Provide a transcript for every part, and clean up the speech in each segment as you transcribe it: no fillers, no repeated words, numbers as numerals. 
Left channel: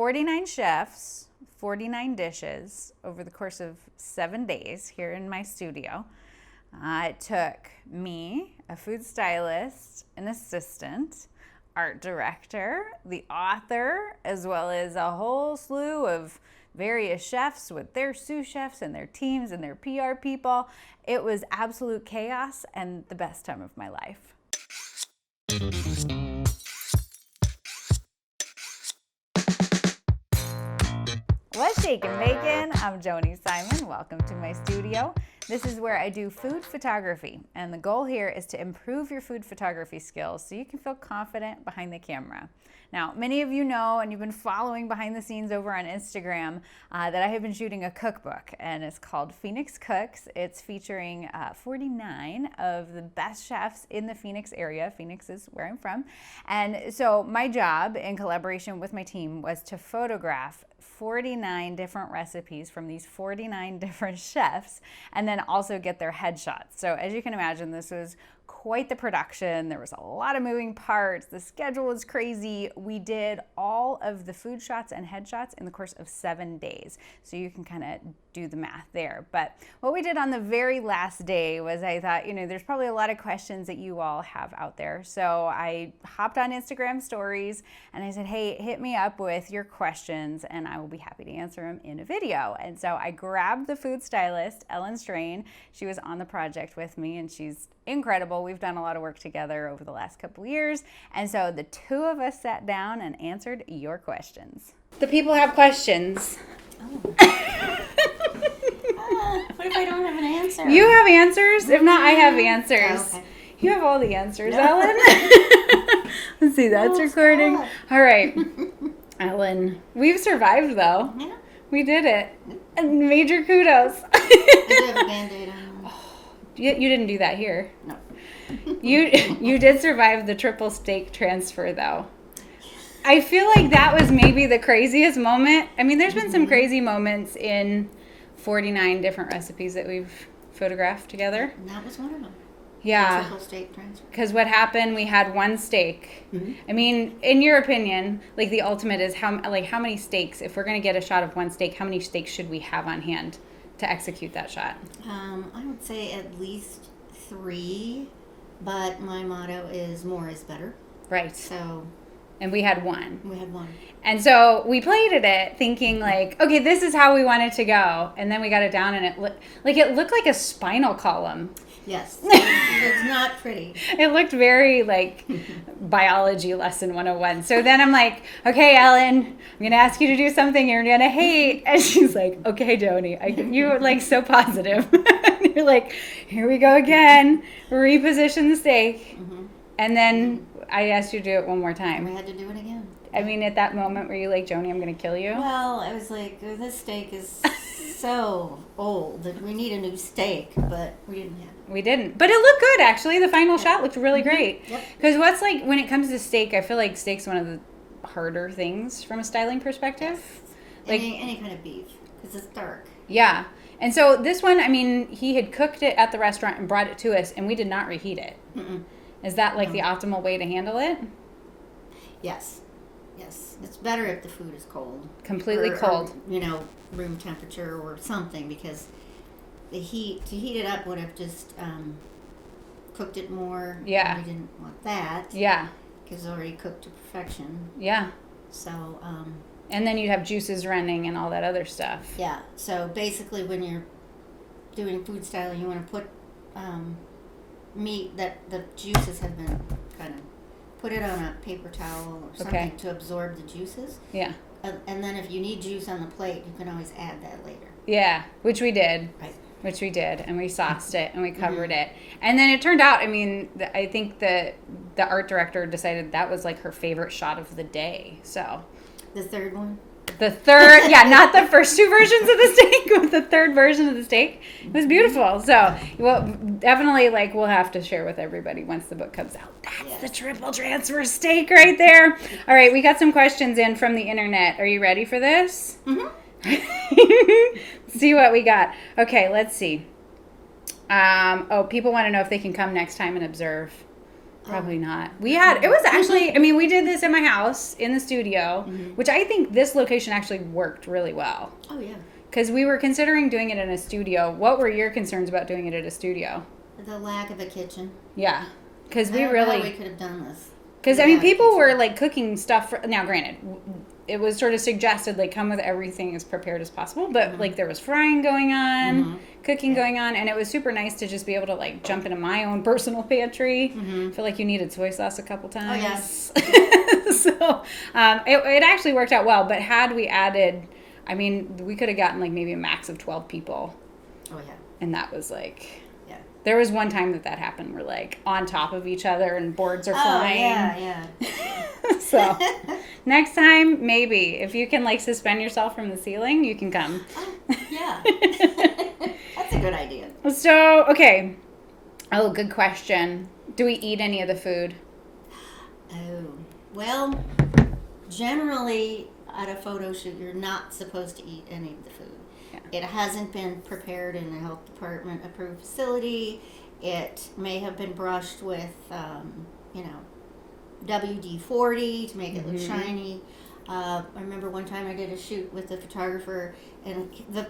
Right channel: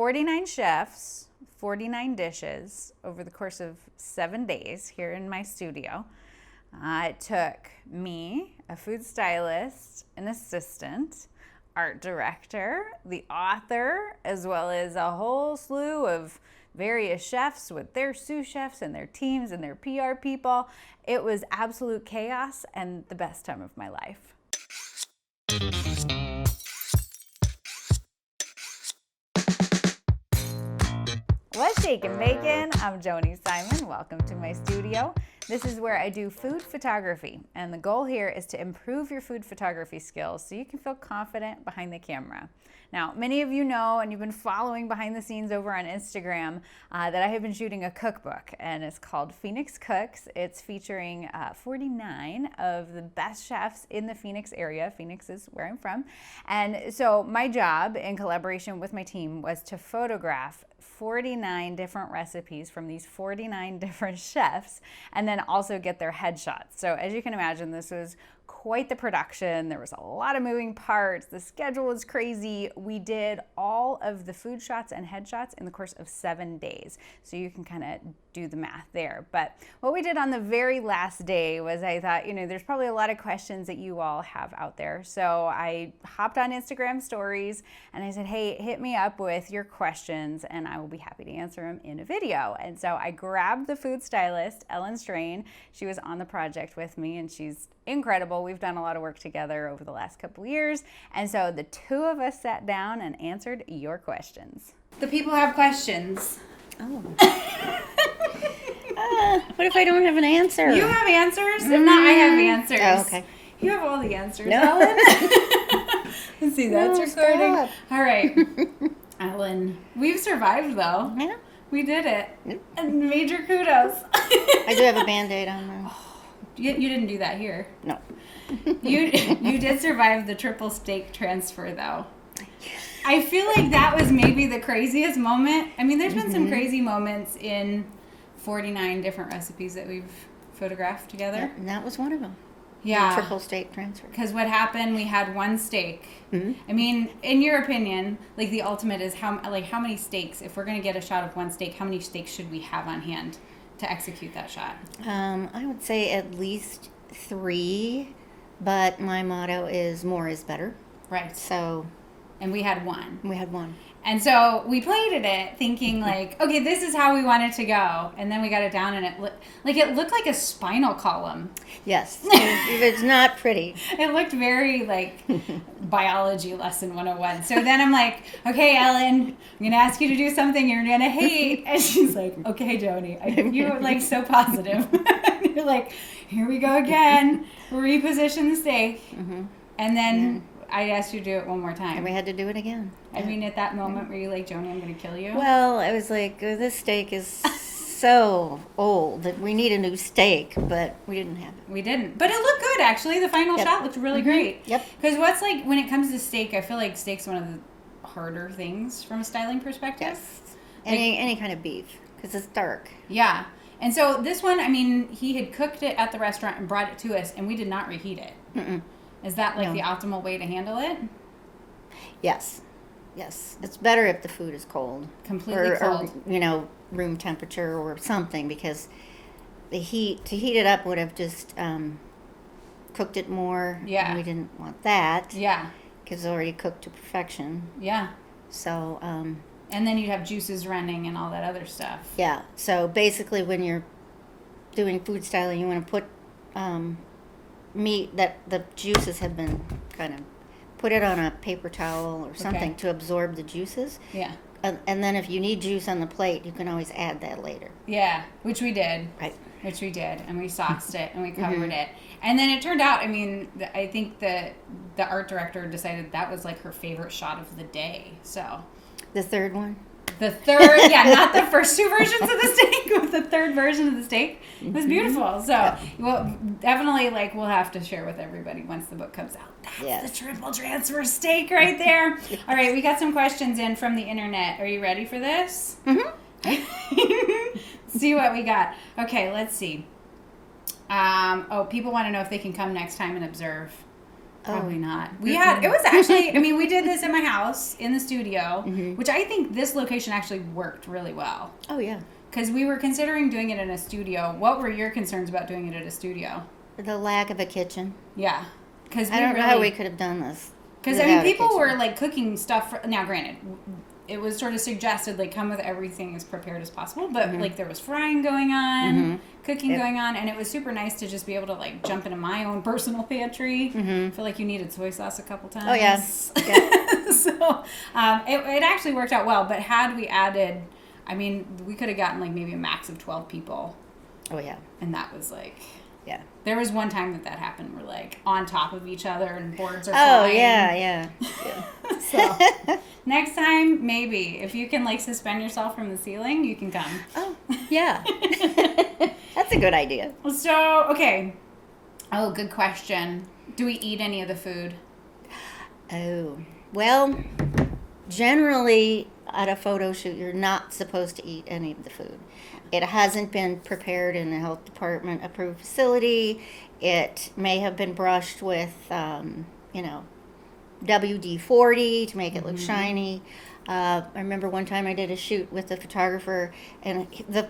49 chefs, 49 dishes over the course of 7 days here in my studio. It took me, a food stylist, an assistant, art director, the author, as well as a whole slew of various chefs with their sous chefs and their teams and their PR people. It was absolute chaos and the best time of my life. What's shaking bacon? I'm Joni Simon. Welcome to my studio. This is where I do food photography, and the goal here is to improve your food photography skills so you can feel confident behind the camera. Now, many of you know, and you've been following behind the scenes over on Instagram, that I have been shooting a cookbook, and it's called Phoenix Cooks. It's featuring 49 of the best chefs in the Phoenix area. Phoenix is where I'm from. And so my job, in collaboration with my team, was to photograph 49 different recipes from these 49 different chefs, and then also get their headshots. So as you can imagine, this was quite the production. There was a lot of moving parts. The schedule was crazy. We did all of the food shots and headshots in the course of 7 days. So you can kind of do the math there. But what we did on the very last day was I thought, there's probably a lot of questions that you all have out there. So I hopped on Instagram stories and I said, hey, hit me up with your questions and I will be happy to answer them in a video. And so I grabbed the food stylist, Ellen Strain. She was on the project with me and she's incredible. We've done a lot of work together over the last couple years. And so the two of us sat down and answered your questions. The people have questions. Oh. What if I don't have an answer? You have answers? If not, I have answers. Oh, okay. You have all the answers, No. Ellen. Let's see, that's No, recording. stop. All right. Ellen, we've survived though. Yeah. We did it. And major kudos. I do have a Band-Aid on there. You didn't do that here. No. You did survive the triple steak transfer though. I feel like that was maybe the craziest moment. I mean, there's been some crazy moments in 49 different recipes that we've photographed together. And that was one of them. Yeah. The triple steak transfer. Because what happened, we had one steak. Mm-hmm. I mean, in your opinion, like the ultimate is how many steaks, if we're going to get a shot of one steak, how many steaks should we have on hand to execute that shot? I would say at least 3, but my motto is more is better. Right. So And we had one. we had one. And so we plated it thinking like, okay, this is how we want it to go. And then we got it down and it looked like a spinal column. Yes. It's not pretty. It looked very like biology lesson 101. So then I'm like, okay, Ellen, I'm going to ask you to do something you're going to hate. And she's like, okay, Joni, you were like so positive. You're like, here we go again. Reposition the steak. Mm-hmm. And then I asked you to do it one more time. And we had to do it again. I mean, at that moment, were you like, Joni, I'm going to kill you? Well, I was like, this steak is so old that we need a new steak, but we didn't have it. We didn't. But it looked good, actually. The final shot looked really great. Yep. Because what's like, when it comes to steak, I feel like steak's one of the harder things from a styling perspective. Yes. Like- Any kind of beef, because it's dark. Yeah. And so this one, I mean, he had cooked it at the restaurant and brought it to us, and we did not reheat it. Mm-mm. Is that like No. the optimal way to handle it? Yes. Yes. It's better if the food is cold. Completely Or, cold. room temperature or something, because to heat it up would have just cooked it more. Yeah. And we didn't want that. Yeah. Because it's already cooked to perfection. Yeah. So, And then you'd have juices running and all that other stuff. yeah. So basically when you're doing food styling, you want to put meat that the juices have been kind of put it on a paper towel or something to absorb the juices. Yeah. And then if you need juice on the plate, you can always add that later. Yeah. Which we did. Right. Which we did, and we sauced it, and we covered it. And then it turned out, I mean, I think the art director decided that was like her favorite shot of the day. So The third one? the third, yeah, not the first two versions of the steak, but the third version of the steak. It was beautiful. So, well, definitely, like, we'll have to share with everybody once the book comes out. That's Yes. the triple transfer steak right there. All right, we got some questions in from the internet. Are you ready for this? Mm-hmm. See what we got. Okay, let's see. People want to know if they can come next time and observe Probably not. We had, it was actually, I mean, we did this in my house, in the studio, which I think this location actually worked really well. Oh, yeah. Because we were considering doing it in a studio. What were your concerns about doing it at a studio? The lack of a kitchen. Yeah. Because I don't know how we could have done this. Because, I mean, people were, like, cooking stuff. Now, granted, it was sort of suggested, like, come with everything as prepared as possible. But, like, there was frying going on, cooking going on. And it was super nice to just be able to, like, jump into my own personal pantry. I feel like you needed soy sauce a couple times. Oh, yeah. So, it actually worked out well. But had we added, I mean, we could have gotten, like, maybe a max of 12 people. Oh, yeah. And that was, like... Yeah. There was one time that happened. We're like on top of each other and boards are flying. Oh, yeah. So next time, maybe if you can like suspend yourself from the ceiling, you can come. Oh, yeah. That's a good idea. So, okay. Oh, good question. Do we eat any of the food? Oh, well, generally at a photo shoot, you're not supposed to eat any of the food. It hasn't been prepared in a health department approved facility. It may have been brushed with, WD-40 to make it look shiny. I remember one time I did a shoot with a photographer, and it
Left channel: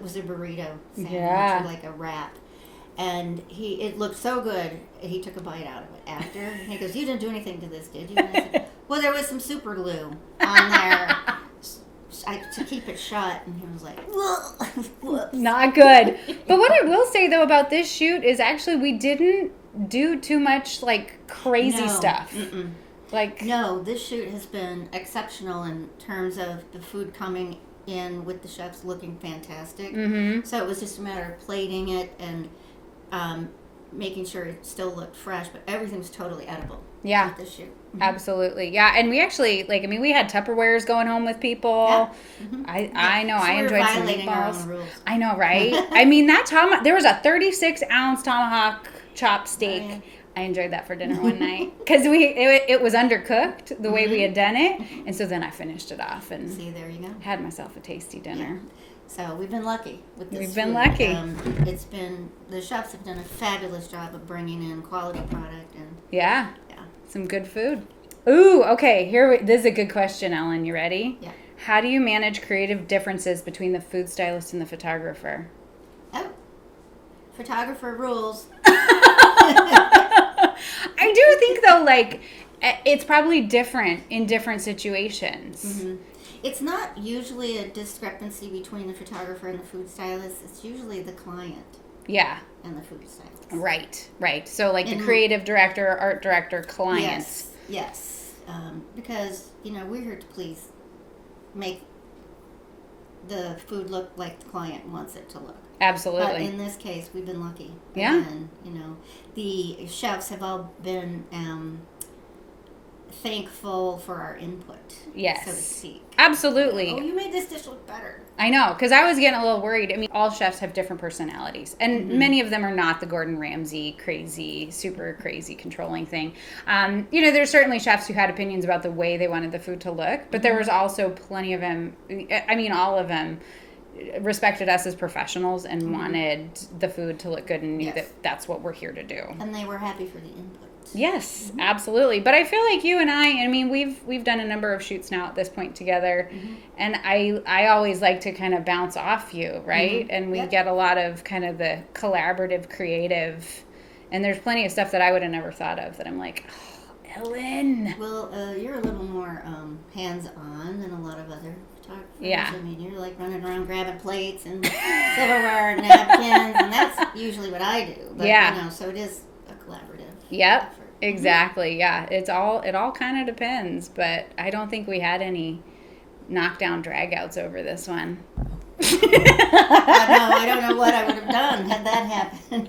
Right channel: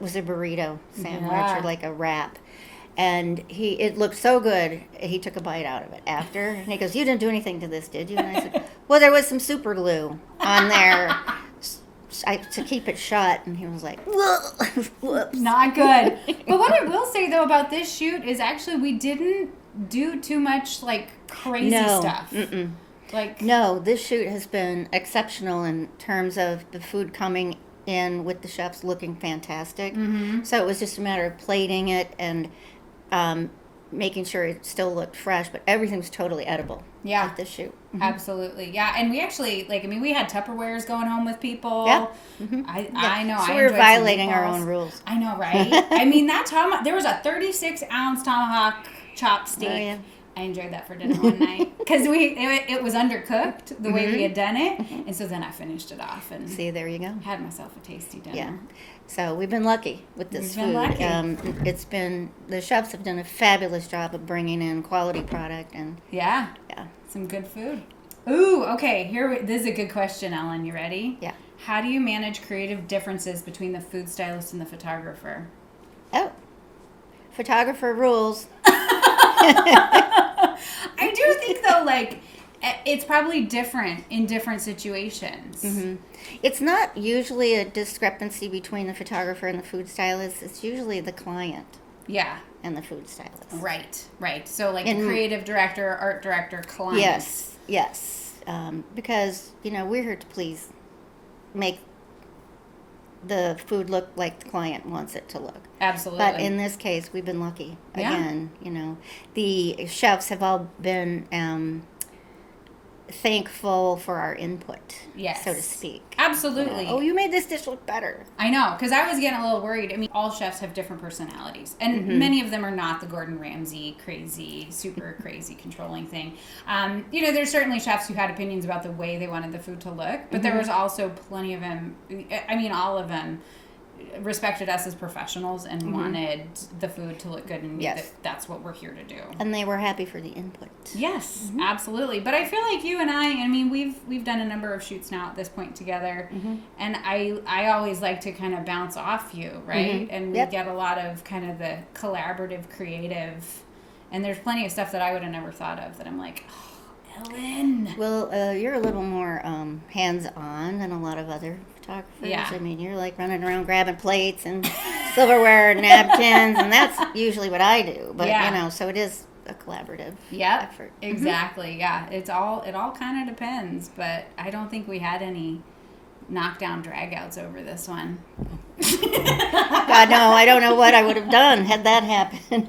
was a burrito sandwich or like a wrap. And it looked so good, he took a bite out of it after. And he goes, "You didn't do anything to this, did you?" And I said, "Well, there was some super glue on there." To keep it shut, and he was like, "Whoops." Not good. But what I will say though about this shoot is actually we didn't do too much like crazy stuff. Like no, this shoot has been exceptional in terms of the food coming in with the chefs looking fantastic. So it was just a matter of plating it and making sure it still looked fresh, but everything was totally edible. Yeah. At the shoot. Absolutely. Yeah. And we actually, we had Tupperwares going home with people. Yeah. I know. So I we were enjoyed violating some our meatballs. own rules. I know, right? I mean, there was a 36-ounce tomahawk chop steak. Oh, yeah. I enjoyed that for dinner one night because it was undercooked the way we had done it. And so then I finished it off and See, there you go. had myself a tasty dinner. Yeah. So we've been lucky with this We've been food. lucky. The chefs have done a fabulous job of bringing in quality product and Yeah. yeah. Some good food. Ooh, okay. This is a good question, Ellen. You ready? Yeah. How do you manage creative differences between the food stylist and the photographer? Oh, photographer rules. I do think though, it's probably different in different situations. It's not usually a discrepancy between the photographer and the food stylist. It's usually the client Yeah. and the food stylist. Right. So the creative director, art director, client. Yes. Because, we're here to please make the food look like the client wants it to look. Absolutely. But in this case, we've been lucky. Yeah. Again, the chefs have all been thankful for our input, Yes. so to speak. Absolutely. Oh, you made this dish look better. I know, because I was getting a little worried. I mean, all chefs have different personalities, and many of them are not the Gordon Ramsay crazy, super crazy controlling thing. There's certainly chefs who had opinions about the way they wanted the food to look, but there was also plenty of them. I mean, all of them respected us as professionals and wanted the food to look good and knew that that's what we're here to do. And they were happy for the input. Yes, absolutely. But I feel like you and I mean, we've done a number of shoots now at this point together, and I always like to kind of bounce off you, right? And we get a lot of kind of the collaborative, creative, and there's plenty of stuff that I would have never thought of that I'm like, oh, Ellen. Well, you're a little more hands-on than a lot of other photographers. Yeah. I mean, you're like running around grabbing plates and silverware and napkins, and that's usually what I do. But, so it is a collaborative effort. Exactly. Yeah, it all kind of depends, but I don't think we had any knockdown dragouts over this one. No, I don't know what I would have done had that happened.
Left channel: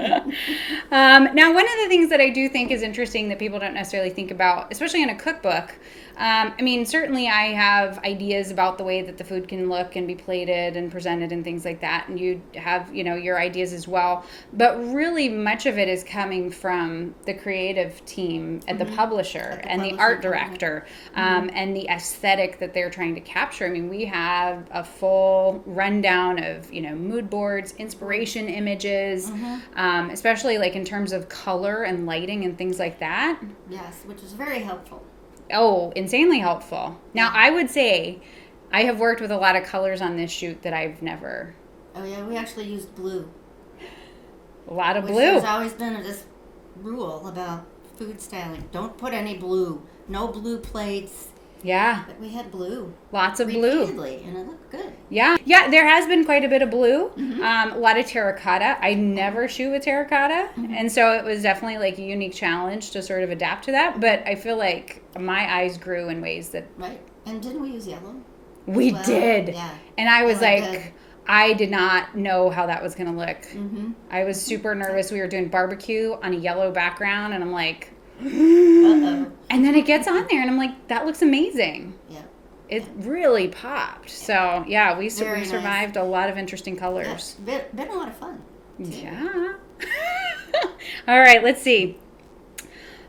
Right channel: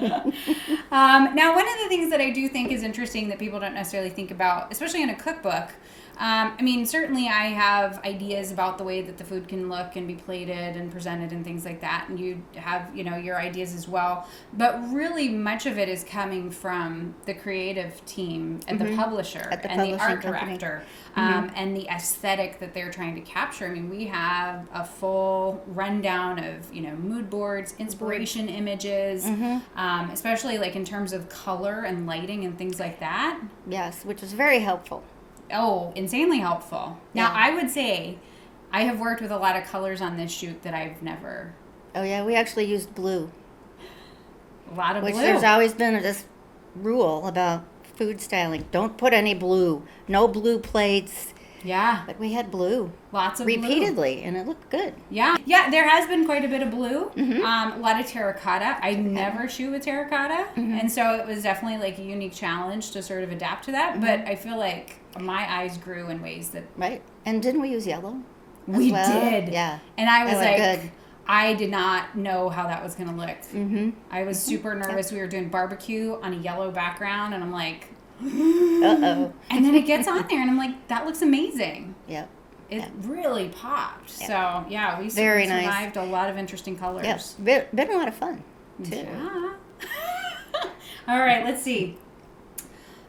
Now, one of the things that I do think is interesting that people don't necessarily think about, especially in a cookbook, I mean, certainly I have ideas about the way that the food can look and be plated and presented and things like that. And you have, your ideas as well. But really much of it is coming from the creative team at the publisher and the art director and the aesthetic that they're trying to capture. I mean, we have a full rundown of, mood boards, inspiration images, especially like in terms of color and lighting and things like that. Yes, which is very helpful. Oh, insanely helpful. Now, I would say I have worked with a lot of colors on this shoot that I've never. Oh, yeah, we actually used blue. A lot of blue. There's always been this rule about food styling. Don't put any blue. No blue plates. Yeah. But we had blue. Lots of blue. Repeatedly, and it looked good. Yeah. Yeah, there has been quite a bit of blue. A lot of terracotta. I never shoot with terracotta. And so it was definitely like a unique challenge to sort of adapt to that. But I feel like my eyes grew in ways that... Right. And didn't we use yellow? We did. Yeah. And I was like... Good. I did not know how that was going to look. I was super nervous. We were doing barbecue on a yellow background, and I'm like... Uh-oh. And then it gets on there, and I'm like, that looks amazing. Yep. It really popped. Yep. So, yeah, we survived a lot of interesting colors. Yep. Been a lot of fun, too. Yeah. All right, let's see.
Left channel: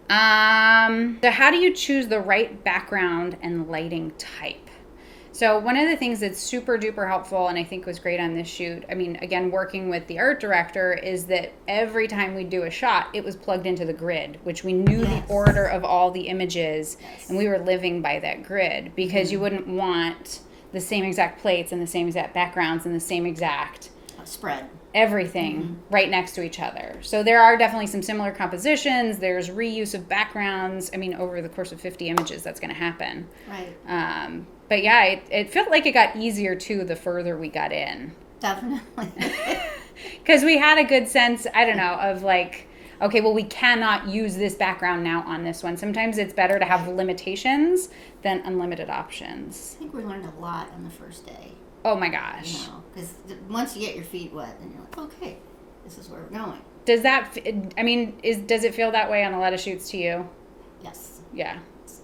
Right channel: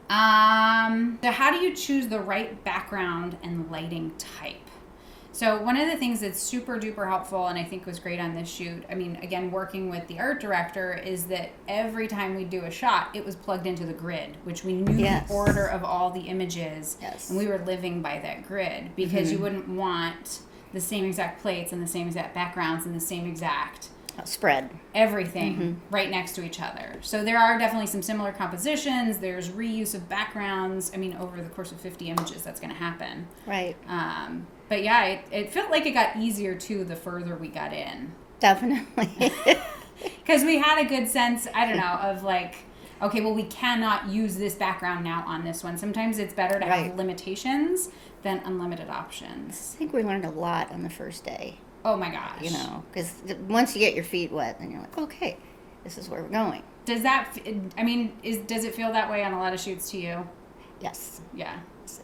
So how do you choose the right background and lighting type? So one of the things that's super duper helpful and I think was great on this shoot, I mean, again, working with the art director, is that every time we do a shot, it was plugged into the grid, which we knew the order of all the images, and we were living by that grid, because you wouldn't want the same exact plates and the same exact backgrounds and the same exact spread. Everything right next to each other. So there are definitely some similar compositions. There's reuse of backgrounds. I mean, over the course of 50 images, that's going to happen. Right. But yeah, it felt like it got easier too the further we got in. Definitely. Because we had a good sense, I don't know, of like, okay, well, we cannot use this background now on this one. Sometimes it's better to have limitations than unlimited options. I think we learned a lot on the first day. Oh my gosh. Because once you get your feet wet, then you're like, okay, this is where we're going. Does that, I mean, does it feel that way on a lot of shoots to you? Yes. Yeah.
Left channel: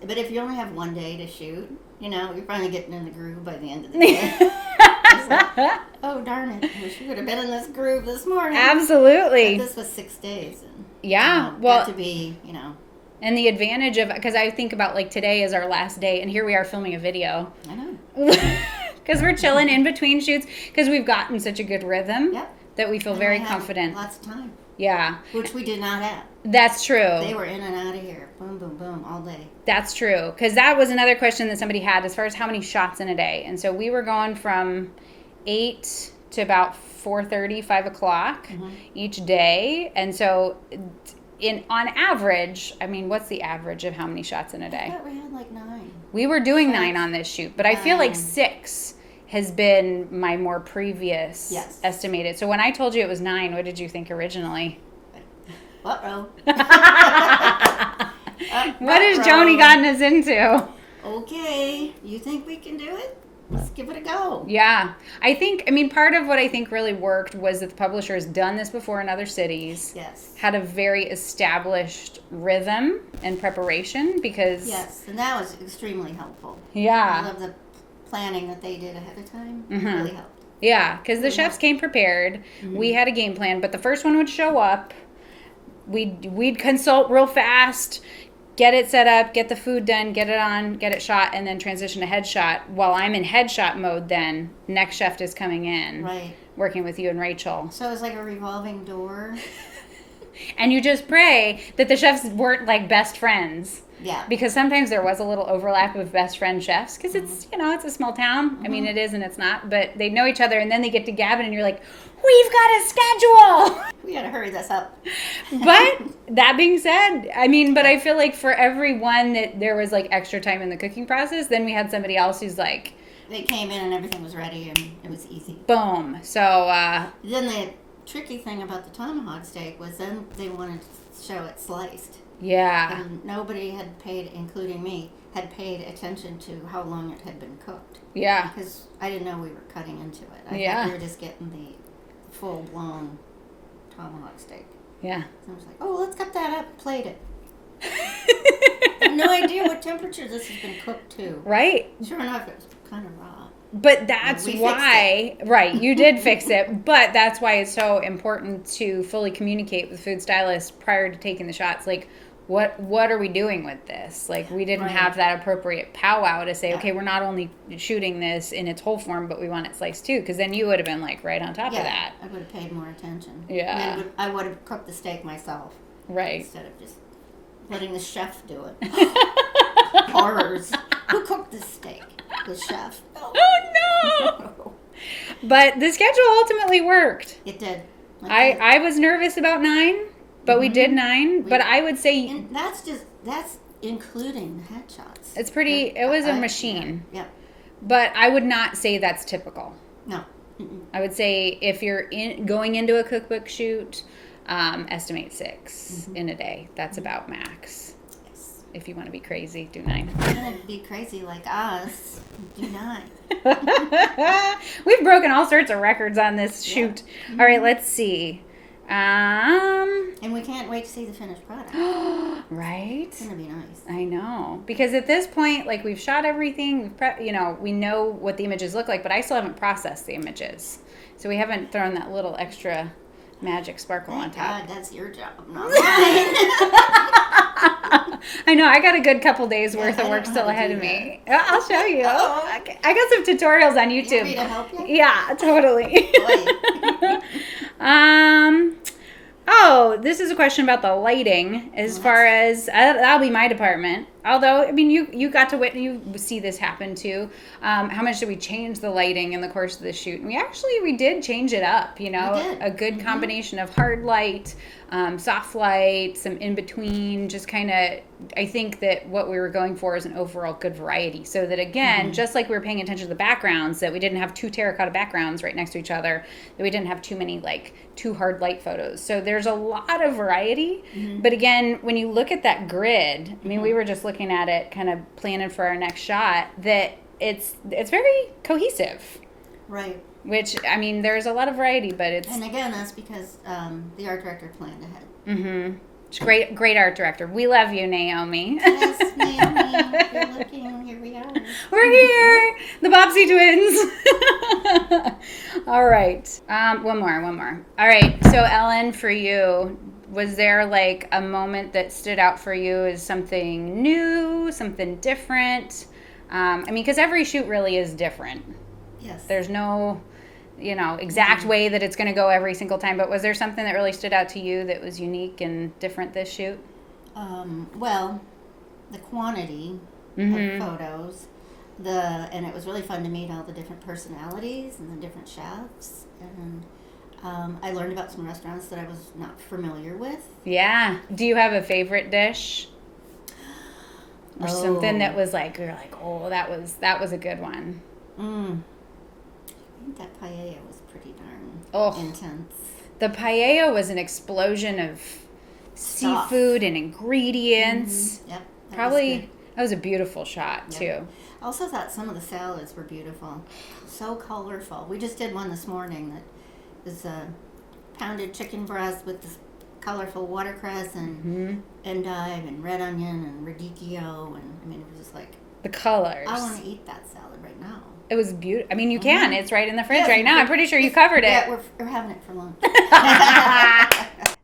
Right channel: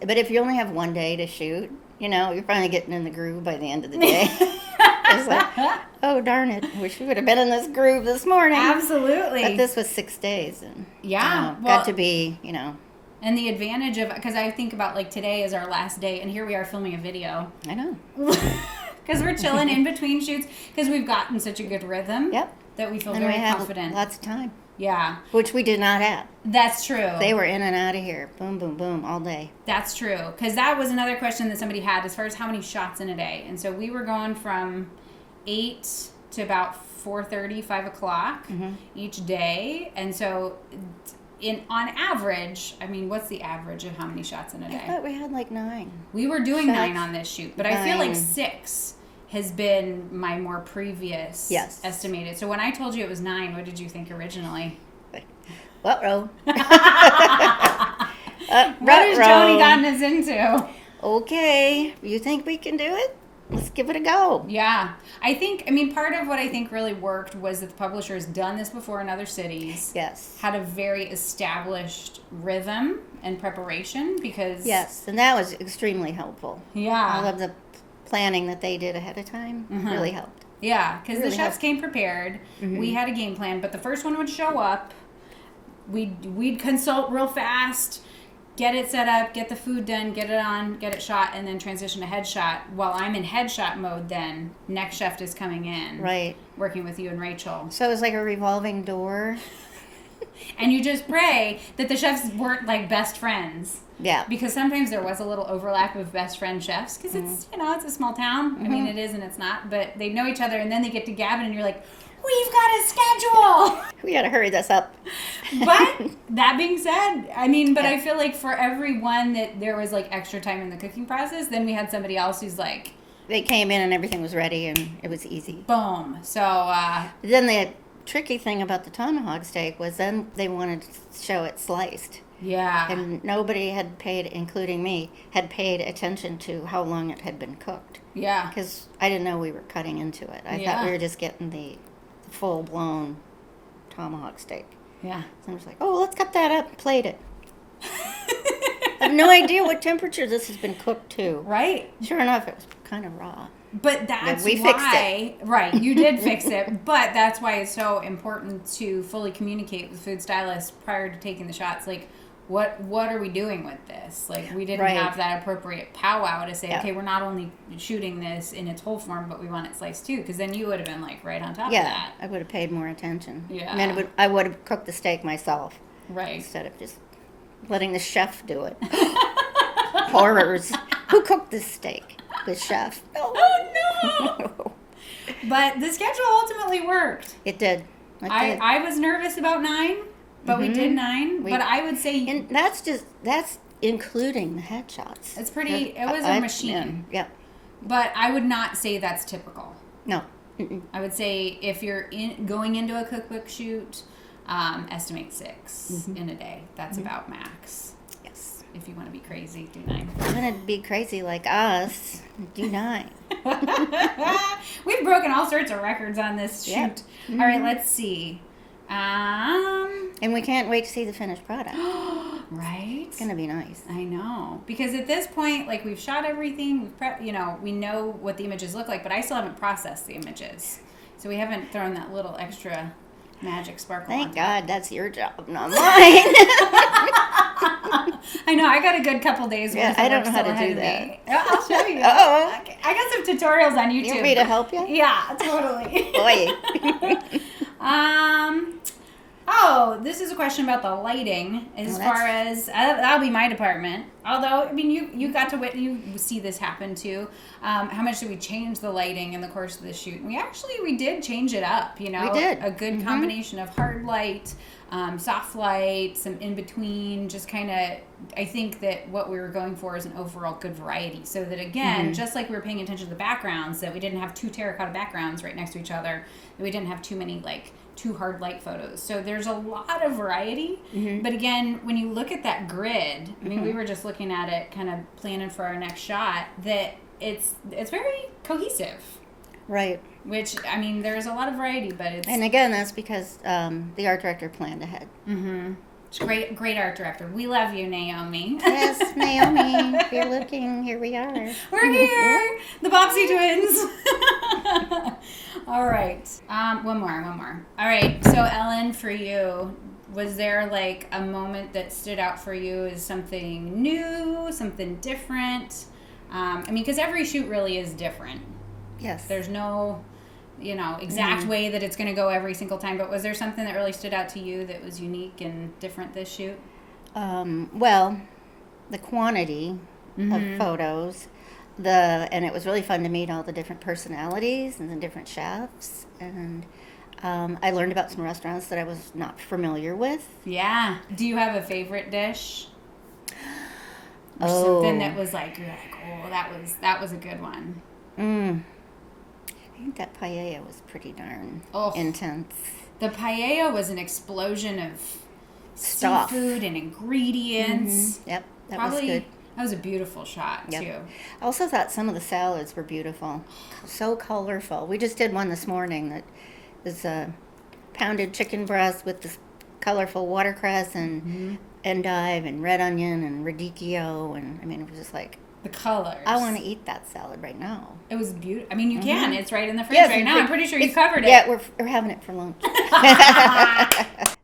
But if you only have one day to shoot, you're finally getting in the groove by the end of the day. It's like, oh, darn it. I wish we would have been in this groove this morning. Absolutely. But this was 6 days. And, well, got to be, And the advantage of, because I think about like today is our last day, and here we are filming a video. I know. Because we're chilling in between shoots, because we've gotten such a good rhythm that we feel very confident. Lots of time. Yeah. Which we did not have. That's true. They were in and out of here. Boom, boom, boom, all day. That's true. Because that was another question that somebody had as far as how many shots in a day. And so we were going from 8 to about 4:30, 5 o'clock each day. And so on average, I mean, what's the average of how many shots in a day? I thought we had like 9. We were doing 9 on this shoot, but I feel like 6 has been my more previous estimated. So when I told you it was 9, what did you think originally? Uh-oh. What has Joni gotten us into? Okay, you think we can do it? Let's give it a go. Yeah. Part of what I think really worked was that the publisher has done this before in other cities. Yes. Had a very established rhythm and preparation because... Yes, and that was extremely helpful. Yeah. All of the planning that they did ahead of time really helped. Yeah, because the chefs came prepared. We had a game plan, but the first one would show up. We'd consult real fast, get it set up, get the food done, get it on, get it shot, and then transition to headshot. While I'm in headshot mode then, next chef is coming in. Right. Working with you and Rachel. So it was like a revolving door. And you just pray that the chefs weren't like best friends. Yeah. Because sometimes there was a little overlap of best friend chefs because it's, it's a small town. I mean, it is and it's not, but they know each other and then they get to gabbing and you're like, we've got a schedule. We got to hurry this up. But that being said, I feel like for everyone that there was like extra time in the cooking process, then we had somebody else who's like. They came in and everything was ready and it was easy. Boom. So. Then the tricky thing about the tomahawk steak was then they wanted to show it sliced. Yeah. And nobody had paid, including me, had paid attention to how long it had been cooked. Yeah. Because I didn't know we were cutting into it. I thought we were just getting the full-blown tomahawk steak. Yeah. So I was like, oh, let's cut that up and plate it. have no idea what temperature this has been cooked to. Right. Sure enough, it was kind of raw. But that's we fixed why, right, you did fix it, but that's why it's so important to fully communicate with food stylists prior to taking the shots. Like, what are we doing with this? Like, we didn't have that appropriate powwow to say, okay, we're not only shooting this in its whole form, but we want it sliced too, because then you would have been like right on top of that. I would have paid more attention. Yeah. And then I would have cooked the steak myself. Right. Instead of just letting the chef do it. Horrors. Who cooked this steak? The chef. Oh, no! But the schedule ultimately worked. It did. I was nervous about 9, but we did 9. But I would say... And that's including the headshots. It's pretty... It was a machine. Yeah. But I would not say that's typical. No. I would say if you're going into a cookbook shoot, estimate 6 in a day. That's about max. Yes. If you want to be crazy, do 9. If you're going to be crazy like us, do 9. We've broken all sorts of records on this shoot. All right, let's see. And we can't wait to see the finished product. Right? It's going to be nice. I know. Because at this point, like, we've shot everything, we know what the images look like, but I still haven't processed the images. So we haven't thrown that little extra magic sparkle on top. Thank God, that's your job, not mine. I know. I got a good couple days worth of work still ahead of me. I'll show you. Okay. I got some tutorials on YouTube. You want me to help you? Yeah, totally. Boy. This is a question about the lighting as far as that'll be my department. Although, I mean, you got to you see this happen too. How much did we change the lighting in the course of the shoot? And we did change it up, We did. A good combination of hard light, soft light, some in between, just kind of, I think that what we were going for is an overall good variety. So that again, just like we were paying attention to the backgrounds, that we didn't have 2 terracotta backgrounds right next to each other, that we didn't have too many too hard light photos. So there's a lot of variety. But again, when you look at that grid, I mean, we were just looking at it, kind of planning for our next shot, that it's very cohesive. Right. Which, I mean, there's a lot of variety, but it's... And again, that's because the art director planned ahead. Great art director. We love you, Naomi. Yes, Naomi, if you're looking, here we are. We're here, the Bobsey twins. All right. One more. All right. So, Ellen, for you, was there a moment that stood out for you as something new, something different? I mean, because every shoot really is different. Yes. There's no, exact way that it's going to go every single time. But was there something that really stood out to you that was unique and different this shoot? Well, the quantity of photos, and it was really fun to meet all the different personalities and the different chefs. And I learned about some restaurants that I was not familiar with. Yeah. Do you have a favorite dish? Or something that was you're that was a good one. I think that paella was pretty darn intense. The paella was an explosion of seafood and ingredients. Yep. That was a beautiful shot, too. I also thought some of the salads were beautiful. So colorful. We just did one this morning that was pounded chicken breast with this colorful watercress and endive and red onion and radicchio. And, I mean, it was just the colors. I want to eat that salad right now. It was beautiful. I mean, you can. It's right in the fridge right now. I'm pretty sure you covered it. Yeah, we're having it for lunch.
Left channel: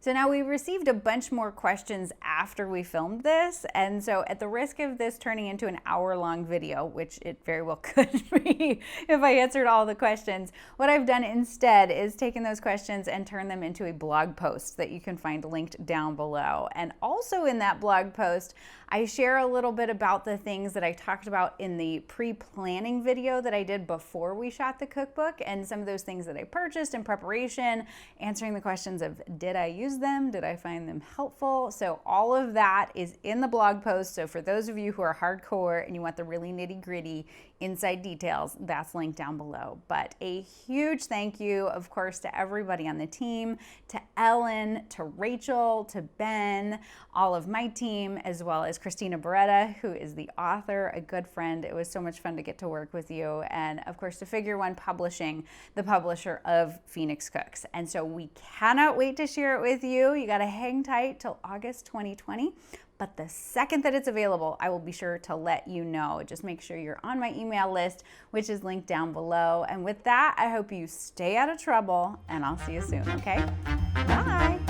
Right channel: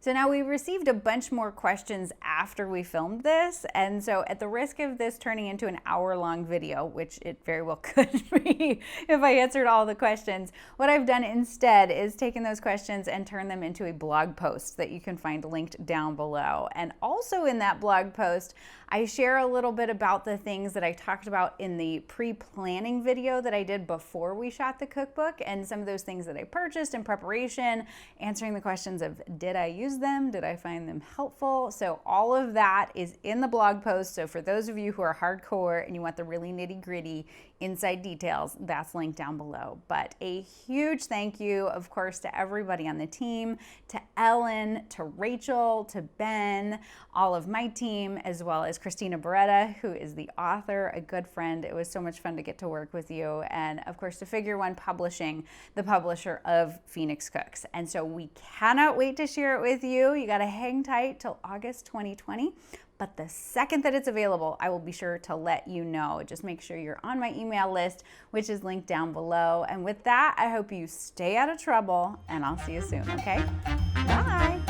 So now we received a bunch more questions after we filmed this. And so at the risk of this turning into an hour-long video, which it very well could be if I answered all the questions, what I've done instead is taken those questions and turned them into a blog post that you can find linked down below. And also in that blog post, I share a little bit about the things that I talked about in the pre-planning video that I did before we shot the cookbook, and some of those things that I purchased in preparation, answering the questions of, did I use them? Did I find them helpful? So all of that is in the blog post. So for those of you who are hardcore and you want the really nitty-gritty inside details, that's linked down below. But a huge thank you, of course, to everybody on the team, to Ellen, to Rachel, to Ben, all of my team, as well as Christina Beretta, who is the author, a good friend. It was so much fun to get to work with you. And of course, to Figure One Publishing, the publisher of Phoenix Cooks. And so we cannot wait to share it with you. You got to hang tight till August 2020. but the second that it's available, I will be sure to let you know. Just make sure you're on my email list, which is linked down below. And with that, I hope you stay out of trouble, and I'll see you soon, okay? Bye.